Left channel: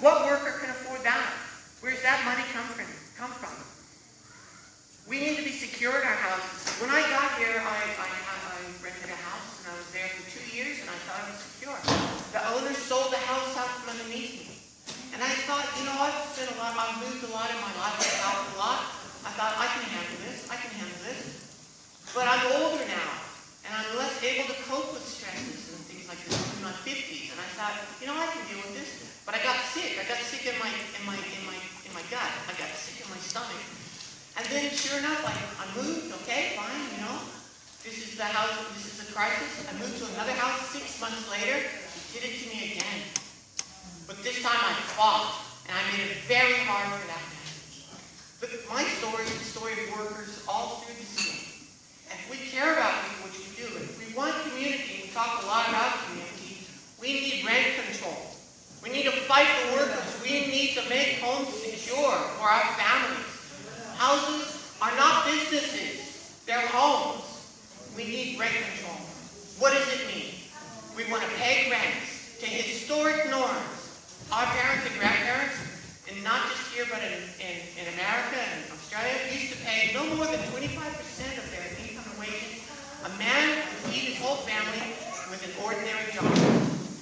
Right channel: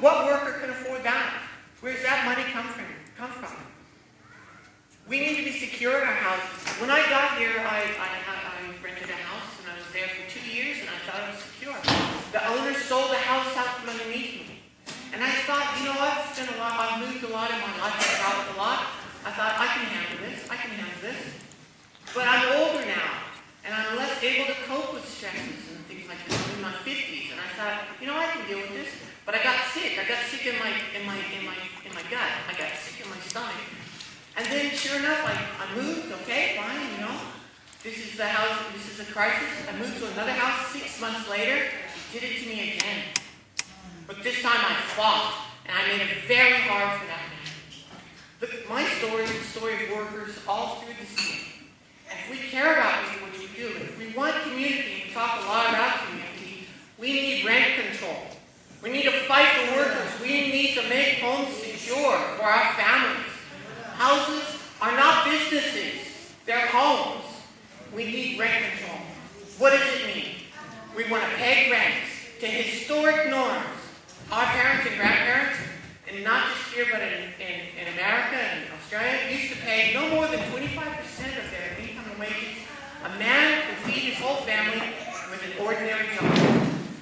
What worker can afford that? Where's that money come from? We need to be secure in our house. When I got here, I rented a house, and I was there for 2 years, and I thought I was secure. The owner sold the house out from underneath me. And I thought, you know, I've spent a lot, I've moved a lot in my life, I've traveled a lot. I thought, I can handle this, But I'm older now, and I'm less able to cope with stresses and things like this. I'm in my 50s, and I thought, you know, I can deal with this. But I got sick. I got sick in my gut. I got sick in my stomach. And then, sure enough, I moved. Okay, fine. You know, this is the house. This is a crisis. I moved to another house 6 months later. He did it to me again. But this time I fought, and I made it very hard for that man. Look, my story is the story of workers all through the city. If we care about what we do, if we want community, we talk a lot about community, we need rent control. We need to fight for workers. We need to make homes secure for our families. Houses are not businesses. They're homes. We need rent control. What does it mean? We want to pay rents to historic norms. Our parents and grandparents, and not just here but in America and Australia, used to pay no more than 25% of their income and wages. A man can feed his whole family with an ordinary job.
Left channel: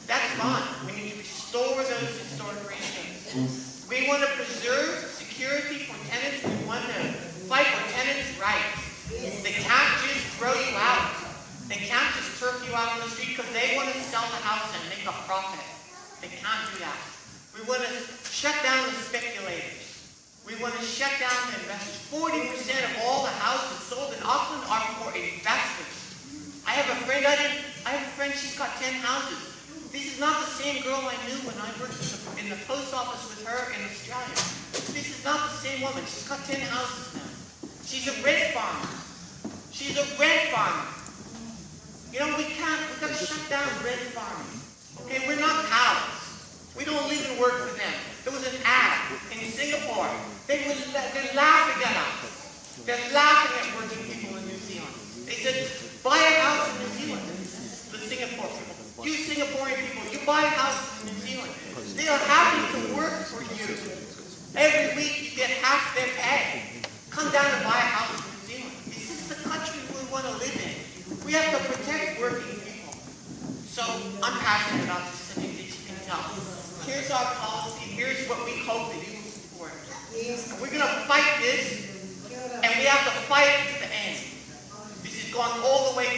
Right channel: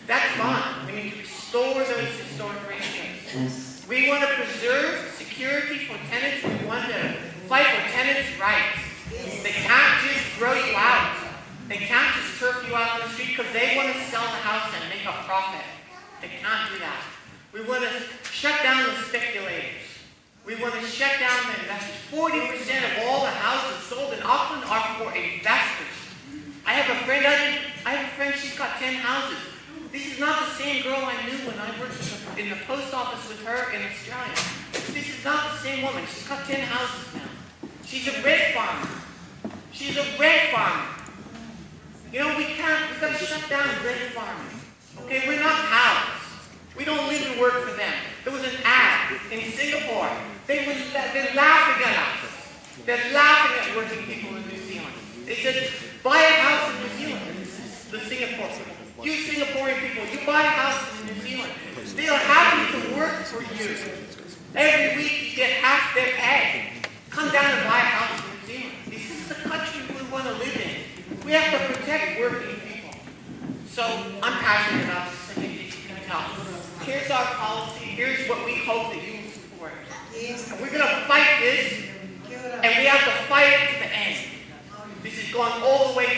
That's gone. We need to restore those historic things. We want to preserve security for tenants. We want to fight for tenants' rights. They can't just throw you out. They can't just turf you out on the street because they want to sell the house and make a profit. They can't do that. We want to shut down the speculators. We want to shut down the investors. 40% of all the houses sold in Auckland are for investors. I have a friend, she's got 10 houses. This is not the same girl I knew when I worked in the post office with her in Australia. This is not the same woman. She's got 10 houses now. She's a red farmer. She's a red farmer. You know, we've got to shut down red farming. Okay, we're not cows. We don't live and work for them. There was an ad in Singapore. They're laughing at us. They're laughing at working people in New Zealand. They said, buy a house in New Zealand. The Singapore people. You Singaporean people, you buy a house in New Zealand. They are happy to work for you. Every week you get half their pay. Come down and buy a house in New Zealand. This is the country we want to live in. We have to protect working people. So I'm passionate about this thing. Here's our policy. Here's what we hope that you will support. And we're going to fight this, and we have to fight it to the end. This is going all the way